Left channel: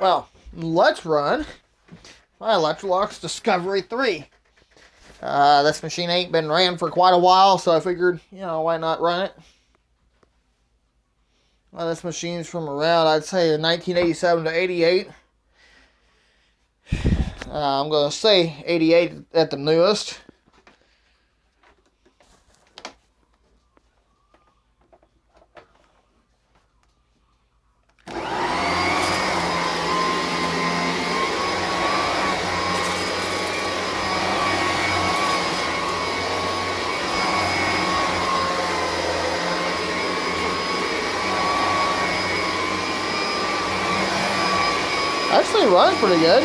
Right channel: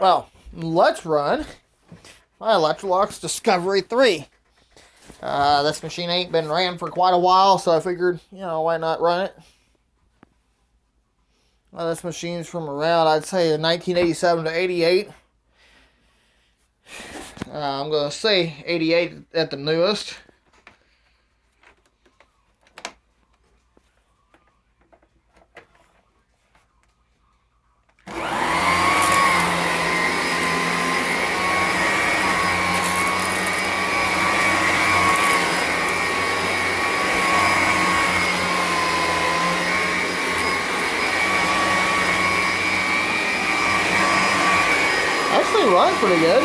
Well, let's run my Electrolux Discovery 3. This machine ain't been ran for quite a while, so I figured, why not run it? Well, this machine's from around, I'd say, 1987 to 88. I'm going to say 88 at the newest. Actually runs pretty good.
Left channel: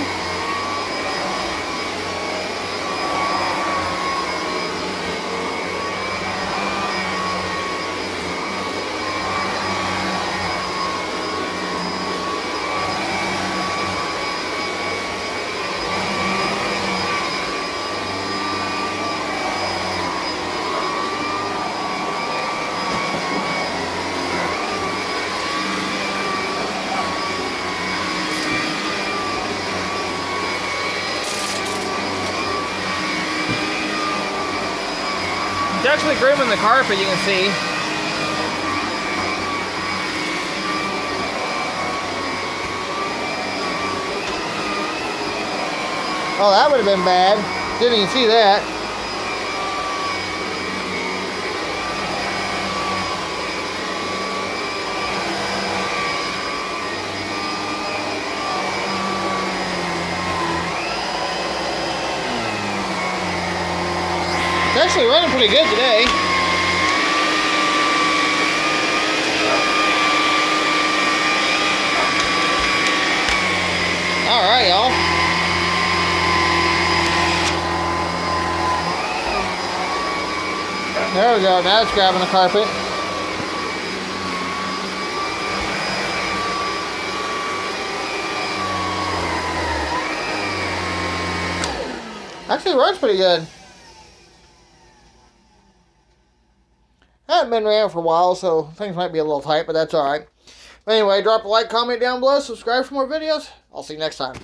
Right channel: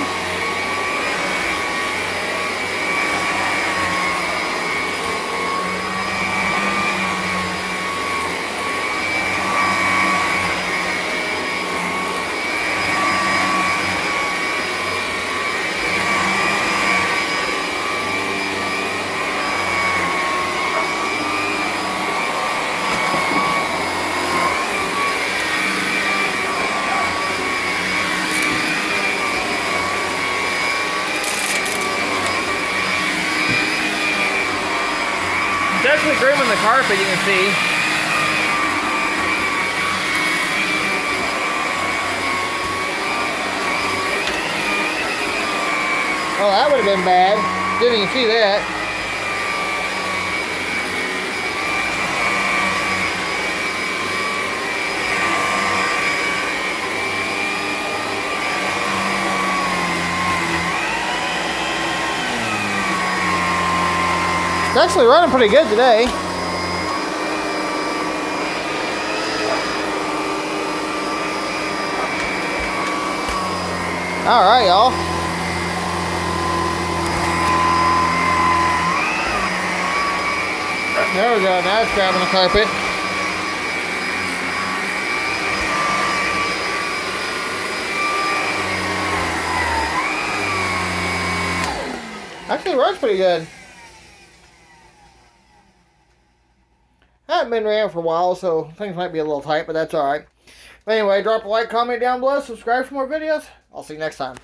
Definitely grooming the carpet, you can see. Oh, that would have been bad. Didn't even see that. It's actually running pretty good today. Alright, y'all. There we go. Now it's grabbing the carpet. Actually runs pretty good. Haven't been ran for a while, so things might be a little tight, but that's alright. But anyway, drop a like, comment down below, subscribe for more videos. I'll see you next time.